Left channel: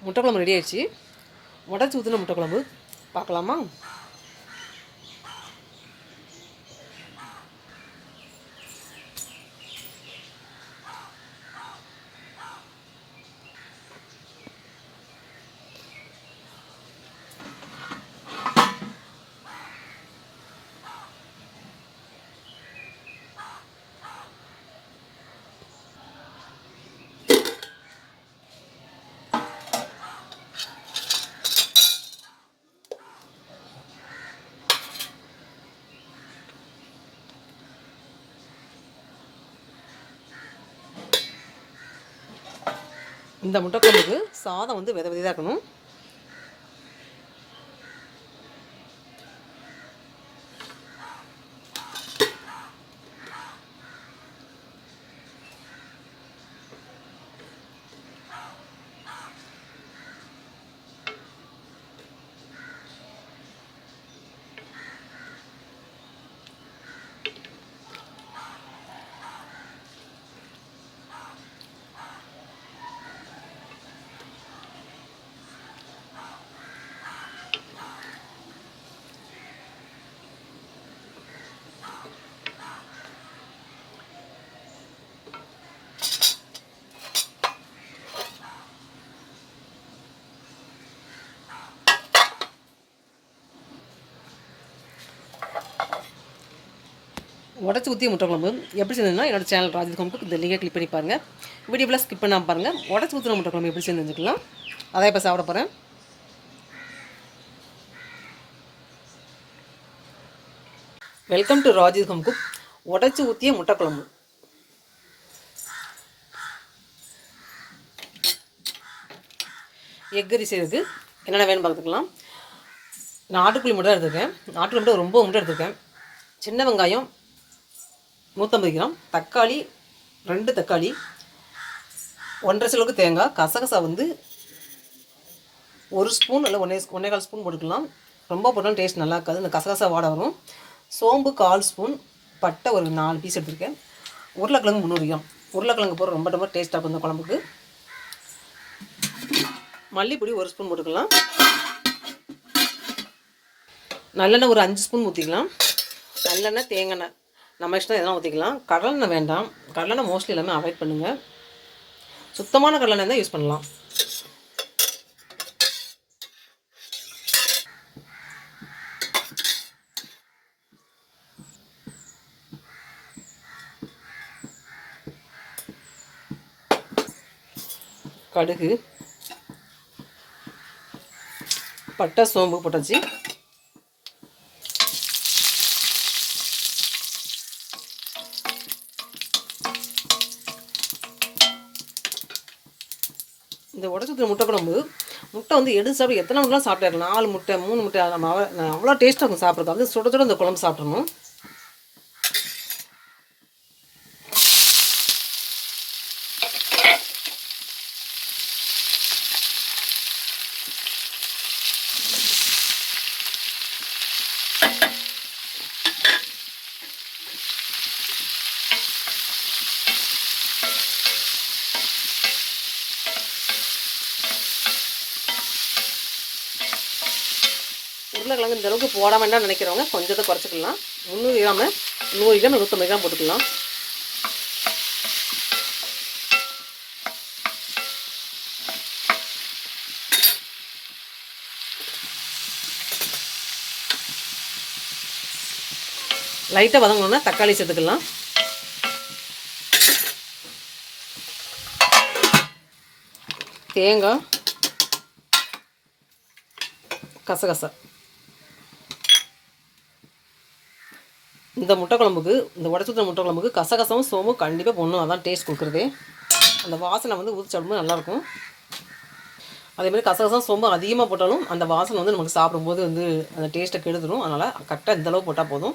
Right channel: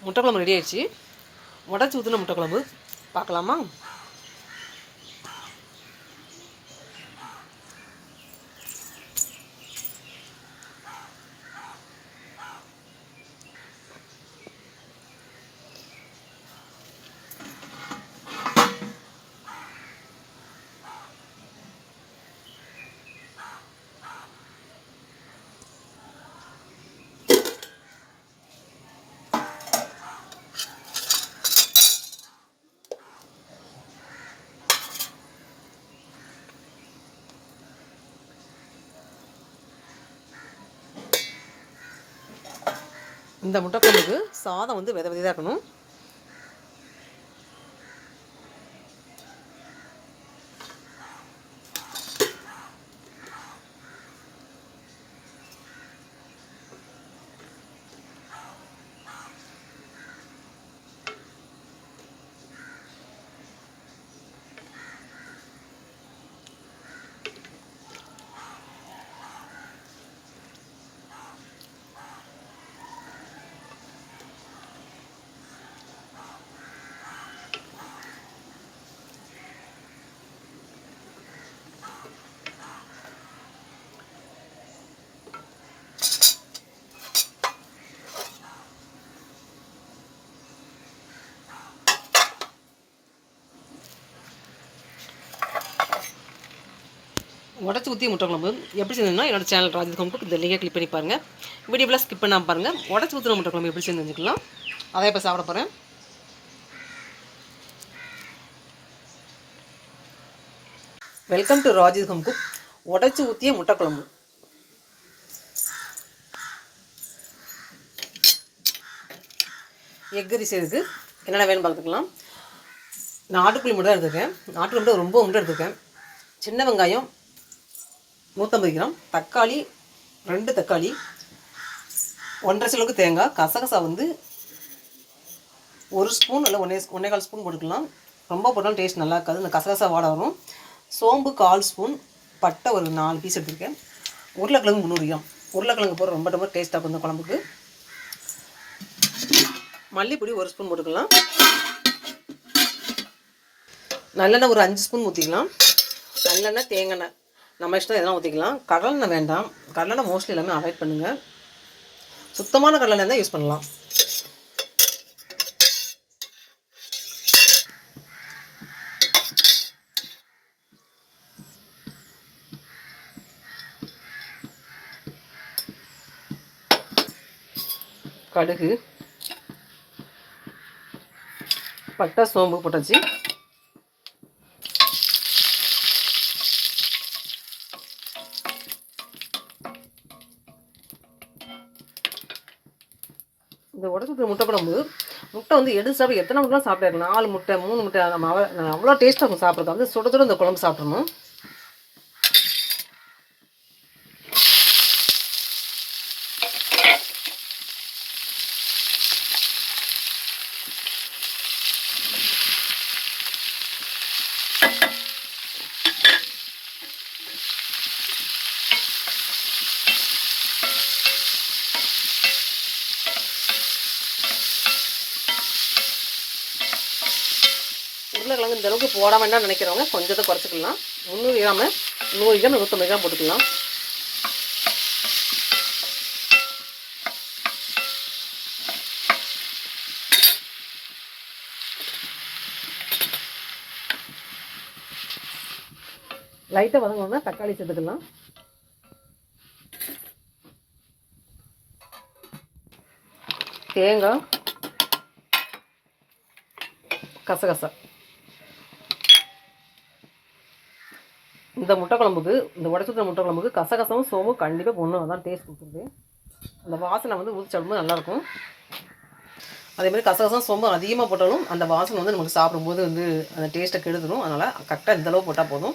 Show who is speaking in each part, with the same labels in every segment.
Speaker 1: முட்டை குழம்பு ரெடி ஆயிடுச்சு. உடச்சி ஊற்றின முட்டை குழம்பு. பார்க்கலாமா? இந்த முட்டைக்குழம்புக்கு சாதம் வந்து வித விதையாக இருக்கணும். உடச்சி ஊற்றி முட்டை குழம்பு. எப்படி செஞ்சதுன்னா என்னோட சேனல் ராஜித் குழம்புக்கு இந்த லிங்கை கிளிக் பண்ணி பாருங்கள் வீடியோவில் ஸ்கிப் பண்ணாமல் பாருங்கள் உடச்சி ஊற்றின முட்டை குழம்பு எப்படி செஞ்சுருக்கலாம் அதை இப்போ சாப்பிட போகிறேன் welcome to Rajith home cook உடச்சி ஊற்றிய முட்டை குழம்பு. எக் செய்யறதுக்கு என்னென்ன வேணும் பார்த்துக்கலாம். நாட்டுக்குழி மட்டும் தான் எடுத்துருக்கேன். நாட்டுக்குழி மட்டும் ரொம்ப மட்டும் எடுத்துருக்கேன். சின்ன வெங்காயம் நூற்றம்பது கிராம் தக்காளி ரெண்டு தக்காளி ஒன்றரை சிலவுக்கு தேங்காய் கசகசா வந்து ஒரு ஸ்பூன் இல்லை ஒன்றே ஒன்றே கால் ஸ்பூன் போட்டுக்கலாம். ரொம்ப போட்டாலும் டேஸ்ட் நல்லா இருக்காது. இந்த கசகசா வாட வரும். சோம்பு கால் ஸ்பூன் பட்டை ஒரு நாலு பீஸ் எடுத்திருக்கேன். உருளைக்கிழங்கு முந்நூறு கிராம். உருளைக்கிழங்கு போகிற ரொம்ப ரொம்ப டேஸ்ட்டாக இருக்கும் இந்த குழம்புக்கு. மல்லிப்பொடி ஒரு ஸ்பூன் போட்டுக்கலாம். நல்லெண்ணெய் ஒரு அஞ்சு ஸ்பூன் ஊற்றிக்கலாம் நல்லெண்ணெய் தேங்காய் நம்ம இஷ்டம் எதனா ஊற்றிக்கலாம் கடலெண்ணெய் வேண்டாம். கடலெண்ணெய் மோஸ்ட்லி எல்லாமே அவாய்ட் பண்ணுங்கள் சுத்தமான கடலெண்ணெய் தான் யூஸ் பண்ணலாம். கடுகு. பட்டை சோம்பு போட்டாச்சு. இந்த முட்டை குழம்பு. முட்டை வந்து எடுத்து சாப்பிட்டு எத்தனை முட்டைலாம் சாப்பிட்டாரு நாலு முட்டை மூணு முட்டை நம்ம அவ்வளோ டேஸ்ட்டாக இருக்கும் சாப்பிட்றது. வந்து சுட சுட இந்த குழம்பு சாப்பிடணும். உருளைக்கிழங்கு இந்த அளவுக்கு போட வேண்டாம் நினைக்கிறவங்க கொஞ்சத்தை குறைச்சிக்கலாம். முந்நூறு கிராமு நூறு கிராம் நூற்றம்பது கிராம் போட்டுக்கலாம் லைட்டாக வதங்கணுன்னா தக்காளி சேர்த்துக்கலாம். தேங்காய். கசகசா. இந்த முட்டை குழம்புக்கு இந்த உடச்சுத்த முட்டை குழம்புக்கு கசகசமும் சோமும் கண்டிப்பாக போடணும். அதான் டேஸ்ட் கொடுக்குறதே. அந்த வாசனை வந்து ஊற்றி சாப்பிடும்போது நல்லாயிருக்கும் அதேமாதிரி கசகசம் சோம்பு அதிகமாக போட்டாலும் அந்த வாசனை வந்து நமக்கு சாப்பிடும்போது வந்து அந்த டேஸ்ட்டை கெடுத்துடும் அதனால் கரெக்டாக இந்த அளவு போட்டால் போதும்.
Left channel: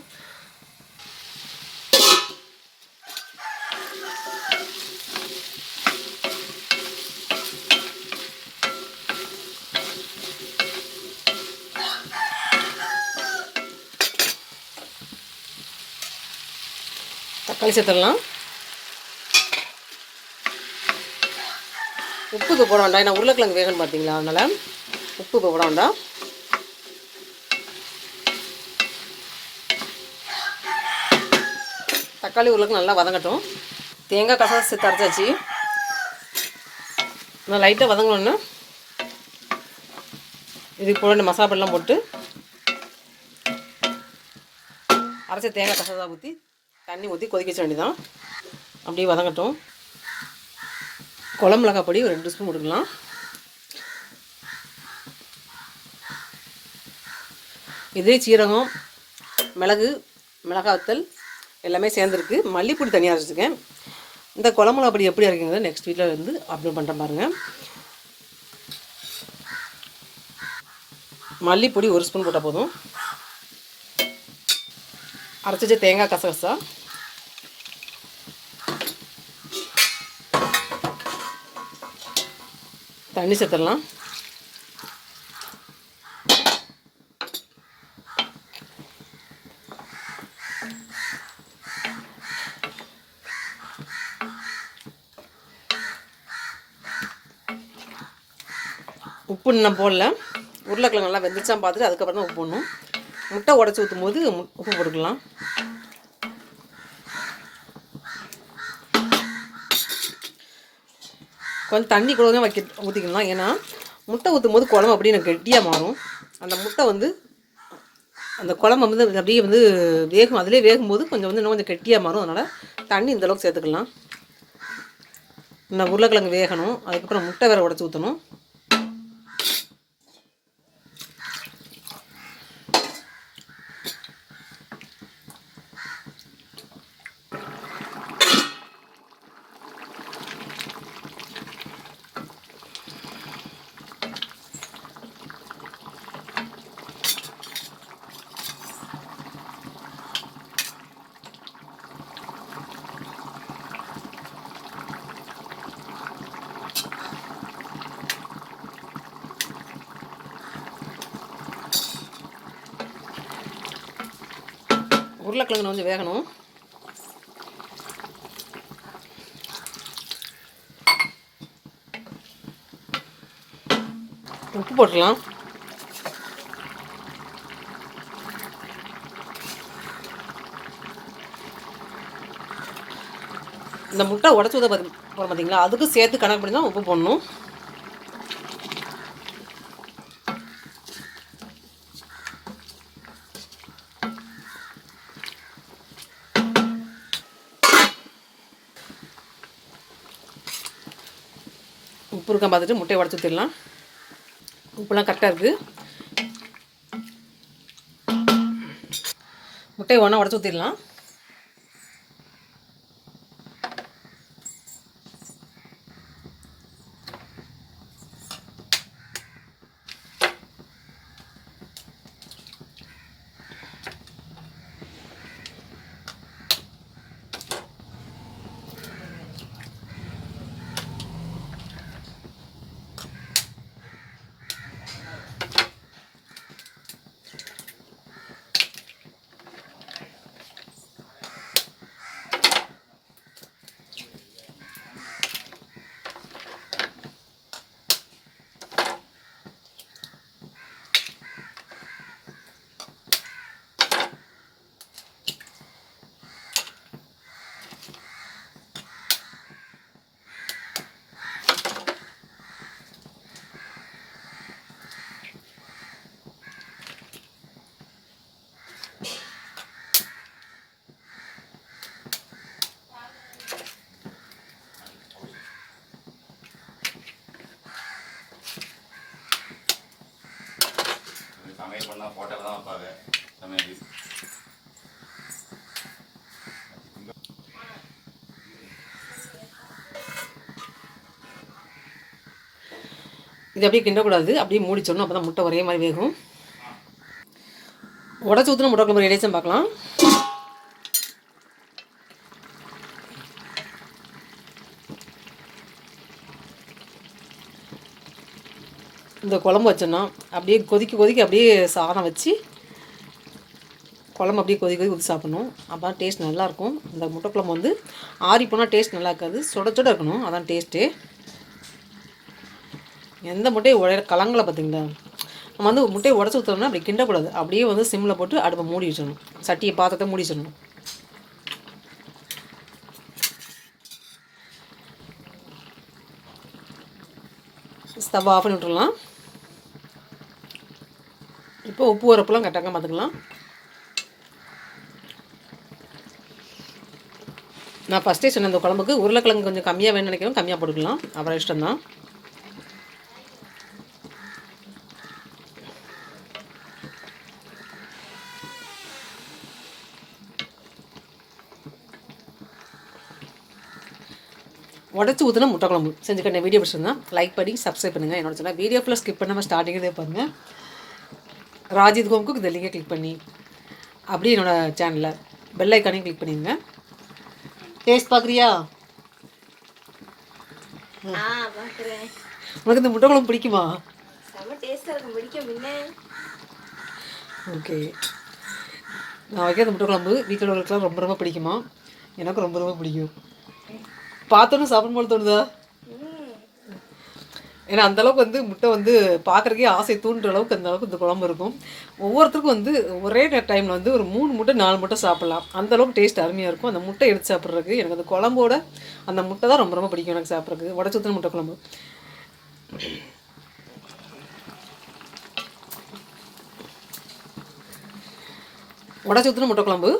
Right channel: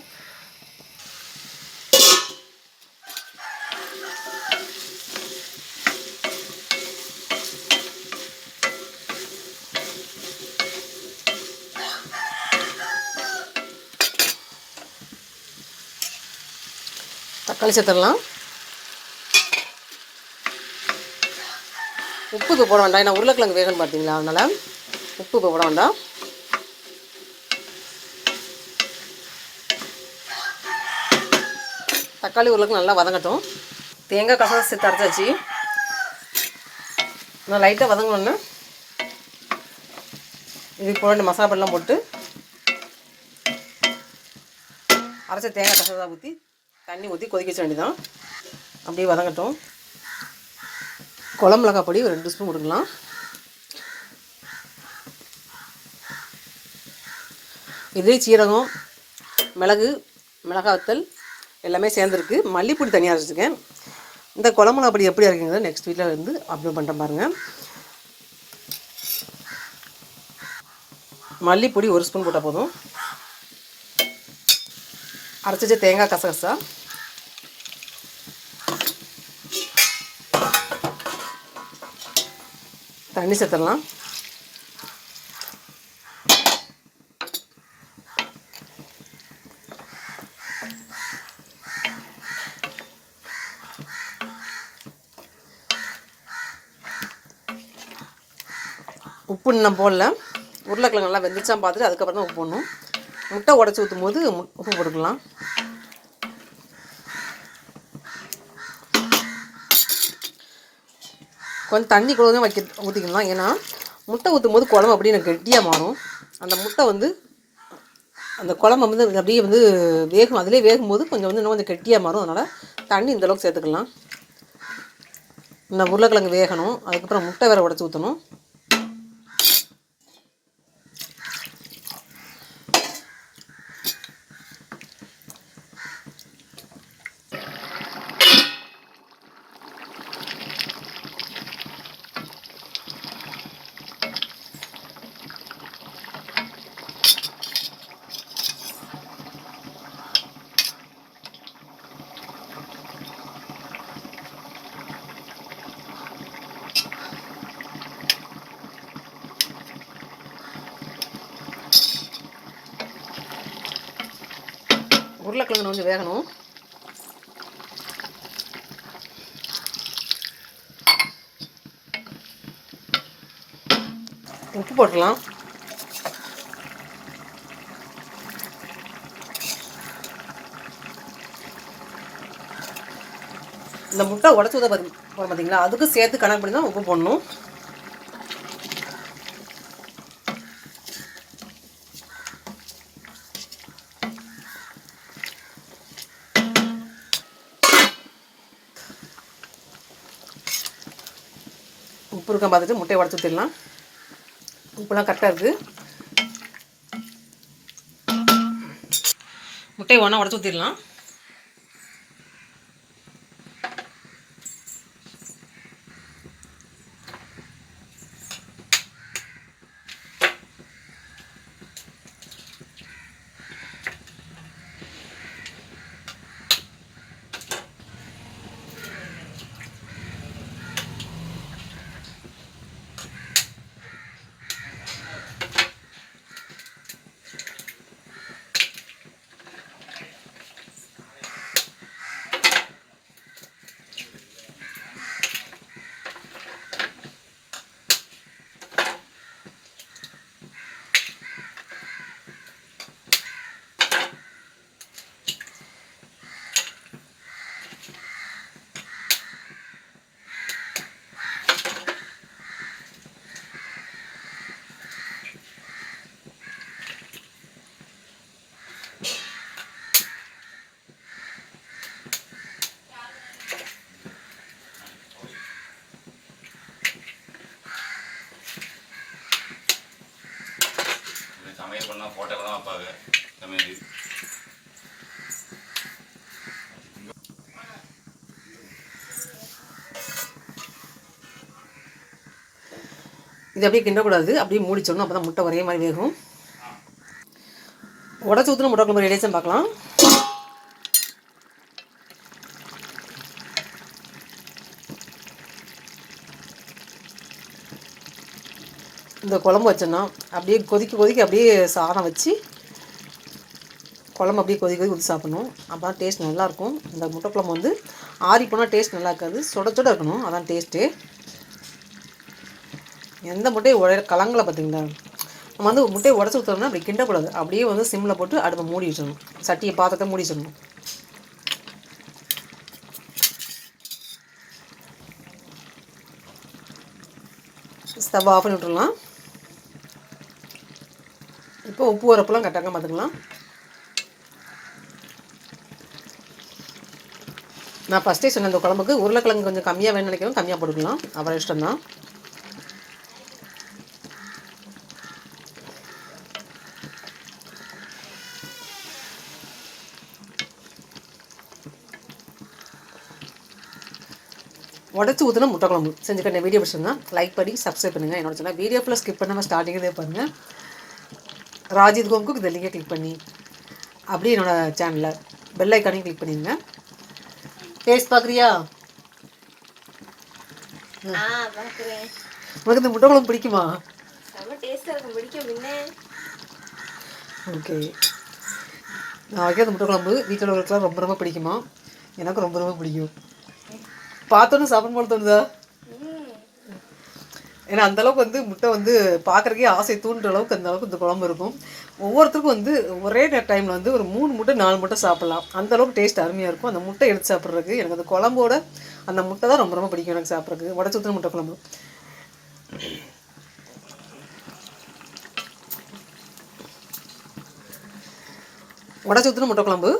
Speaker 1: தக்காளி உப்பு இப்போ போட வேண்டாம். ஏன்னா உருளைக்கிழங்கு வேகணும் பார்த்தீங்களா அதனால் உப்பு இப்போ போட வேண்டாம். தக்காளி உருளைக்கு நல்லா வதங்கட்டும். தேங்காய் கசகசை சேர்த்து அரைச்சாச்சு. நான் லைட்டாக வதங்கணுன்னு இது போல ரெண்டு மசாலா பொடிலாம் போட்டு அரைச்ச தேங்காய் கசகசா ஊற்றி தண்ணி ஊற்றி கொதிக்க வச்ச வேண்டியதான் அப்படியே வதங்கட்டும். குழம்பு மிளகா பொடி ஒரு ரெண்டு ஸ்பூன் கொடுக்கலாம் இதே சீரகம் மிளகு மிளகாத்தல் எல்லாமே சேர்ந்துருக்கு. மல்லிப்பொடி தனியாக அரைச்சிருக்கேன் இந்த குழம்பு மிளகாய் பொடி எப்படி இருக்குங்கிறத நெக்ஸ்ட் வீட்டில் வந்து அப்லோட் பண்ணுறேன் பாருங்கள் மல்லிப்பொடி ஒரு ஸ்பூன் போட்டால் போதும். அரைச்சி வச்ச தேங்காய் கசகசா தண்ணி சேர்த்துடலாம் உப்பு இன்னும் போடல உருளைக்கிழங்கு நல்லா வெந்துச்சான் பார்த்துட்டு அதுக்கப்புறம் தான் உப்பு போடணும் முட்டை உடச்சி ஊற்றும் போது மு- உப்பு போட்டுக்கலாம் கொஞ்சம் தண்ணி கூட வைக்க ஊற்றிக்கலாம் ஏன்னா முட்டை ஊற்றும் போது குழம்பு அப்படியே எனக்கு கெட்டியாக மாறும். அந்த முட்டை வந்து அந்த குழம்பு வந்து அப்படியே வந்து வேகும். அதிலே வேகும்போது கொஞ்சம் வந்து இன்னும் கொஞ்சம் கெட்டியாக மாறும். அதனால் தண்ணி இந்த அளவுக்கு சேர்த்துக்கலாம். இந்த உருளைக்கிழங்கு வேகணும். அதுக்கப்புறம் முட்டை வேறு உடச்சி ஊற்றணும் உருளைக்கிழங்கு கொஞ்சம் வேகணும். உப்பு போட்டுடலாம். இந்த முட்டை உடச்சி ஊற்ற போகிறோம் பார்த்தீங்களா அதுக்கு சேர்த்து கணக்கு பண்ணி தான் உப்பு போடணும். பார்த்துட்டு முட்டையை உடச்சி ஊற்றிடலாம் உப்புலாம் கரெக்டாக இருக்குது முட்டையை ஒன்றா உடச்சி ஊற்றிடலாம்
Speaker 2: இது
Speaker 1: அப்படியே கிண்டக்கூடாது. அப்படியே மூடிச்சோடணும் அப்போ தான் முட்டை ஒரே மாதிரி வேகும். உடச்சி ஊற்றின முட்டை குழம்பு ரெடியாச்சும் பார்க்கலாம். இந்த குழம்பு வச்சோன்னா அப்படியே கொதிக்க கொதிக்க அப்படியே சாதம் வச்சு குழம்பு அப்படியே கொதி கொதி ஊற்றி சாப்பிடணும். அப்போ தான் டேஸ்ட் நல்லாயிருக்கும் இந்த முட்டை குழம்பு வந்து ஆறி போனால் டேஸ்ட் நல்லா இருக்காது. சுட சுட இருக்கணும். அதான் டேஸ்ட்டு எந்த முட்டையை உடைய கலங்களை பார்த்தீங்களா? நம்ம வந்து முட்டையை உடச்சி ஊற்றணும்னா அப்படி கிண்டக்கூடாது அப்படியே வந்து சிம்மில் போட்டு அடுப்பை மூடி வச்சிடணும். சட்டியை பாத்திரத்தை மூடி வச்சிடணும். ஸ்டவ் ஆஃப் பண்ணி விட்டுறலாம். இப்போ உப்பு உரப்புலாம் கரெக்டாக பார்த்துக்கலாம். நான் ஃபஸ்ட்டே சொன்ன இந்த குழம்புக்கு உருளைக்கிழங்கு கொஞ்சம் கம்மியாக வேணும்னு நினைக்கிறோம் கம்மியாக போட்டுக்கலாம். அப்புறம் இஷ்டம்தான். உடச்சி ஊற்றின முட்டை குழம்பு செஞ்சுக்கிட்ட வீடியோ பிடிச்சிருந்தா லைக் பண்ணி சப்ஸ்கிரைப் பண்ணுங்கள் என்னோட சொன்னால் வீடியோ ஃபுல்லாக ஸ்கிப் பண்ணாமல் ஸ்டார்டிங்கே பாருங்கள் ராஜித் ஹோம்க்கு இந்த லிங்கை கிளிக் பண்ணி அப்படியே என்னோட சேனலில் பெல் ஐக்கானையும் கிளிக் பண்ணிடுங்க டேஸ்ட் பார்க்குறியா? உனக்கு இந்த முட்டை குழம்பு பிடிக்குமா ஓகே நான் வைக்கிற முட்டை குழம்பு வீட்டில் உள்ளவங்களுக்குலாம் ரொம்ப ரொம்ப பிடிக்குமா? எனக்கு ரொம்ப ரொம்ப பிடிக்கும். பார்த்தோன்னு சாப்பிடும் போல தோணுதா? ஏன்னா அந்த அளவுக்கு வந்து முட்டை வந்து பார்க்குறக்கே ஆசை தூண்டுற அளவுக்கு அந்த அளவுக்கு இந்த குழம்பு இருக்கும். ஒவ்வொருத்தருக்கும் வந்து ஒரே டைமில் வந்து ஒரு மூணு முட்டை நாலு முட்டை சாப்பிட்லாம். அந்த அளவுக்கு டேஸ்ட் அருமையாக இருக்கும். அந்த முட்டை எடுத்து சாப்பிட்றதுக்கு எனக்கு அந்த குழம்போட அந்த முட்டை தான் ரொம்ப ரொம்ப பிடிக்கும் எனக்கு சாப்பிட்றதுக்கு. உடச்சி ஊற்றின முட்டை குழம்பு. உடச்சி ஊற்றின முட்டை குழம்பு.